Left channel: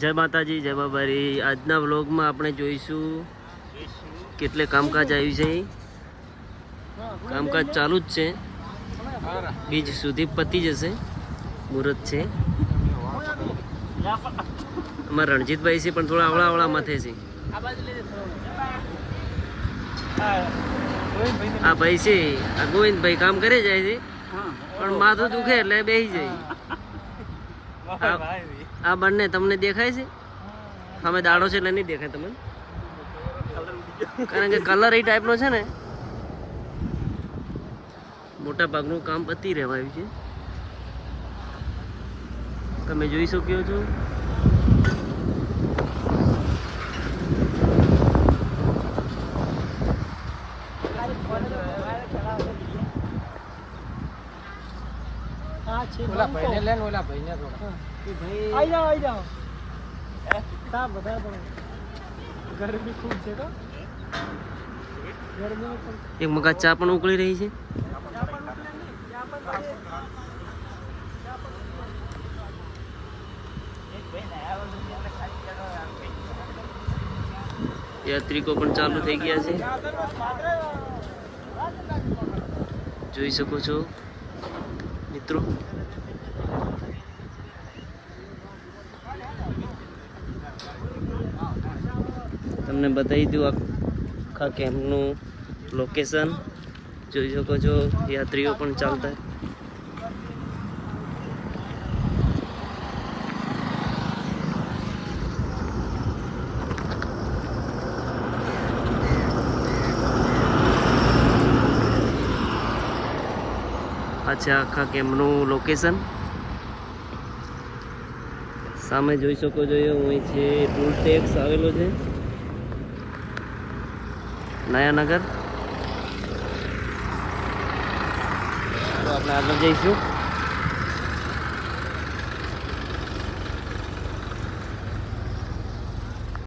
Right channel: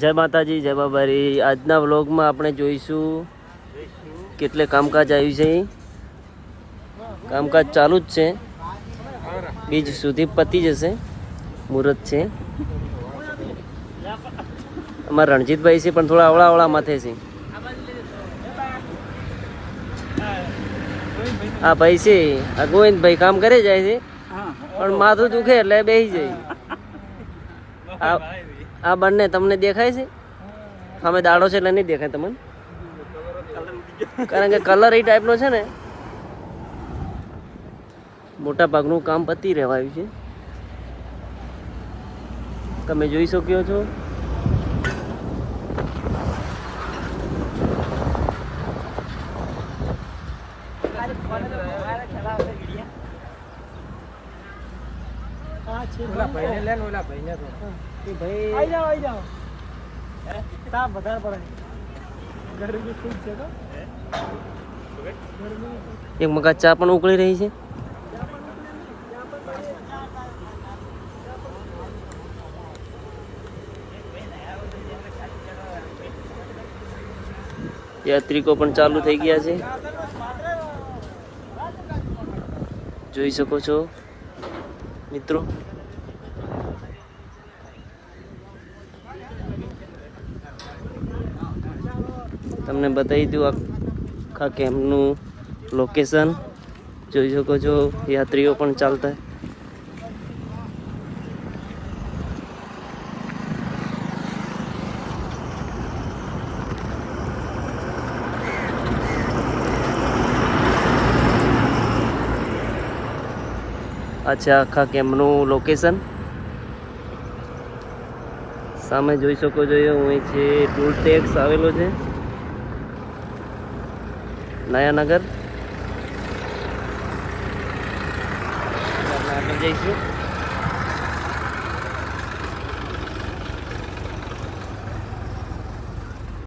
જય માતાજી, જય બાબારી। આજના વ્લોગમાં આપણે જોઈશું કેટલે કામકાજ આવ્યું છે। કામકાજ ચાલુ જ છે, બીજ સુધી પતી જશે, મુહૂર્ત છે। અમારા રણજીતભાઈ છે પણ થોડા અવળા માથે છે। આ ભાઈ છે, આ ગોવિંદભાઈ કામ કરે જાય છે પણ માથું દુખે એટલે બેસી જાય। આ બંને તમને દેખાય છે? સામે દાડો છે એટલે નહીં દેખાય તમને, કારણ કે કલર એ ટાઈપનો છે ને। મોટા ભાગનું કામ પતી રહેવાયું છે, તમે જોઈ શકો છો। એક મગા ચા પણ ઉકળી રહી છે। યાત્રિકો પણ ચાલુ થઈ ગયા છે, જોઈ શકો છો મિત્રો। તમને બતાવી દઉં આખા કેમ્પનું લોકેશન, જોઈ શકો છો। યાત્રીઓ પણ ચાલતા, આ છે આખા કેમ્પનું લોકેશન। સામે જોઈ શકો છો, અહીં છે ટોલ ટેક્સ આવેલો છે, નયાનગર। આપણે આગળ જઈશું।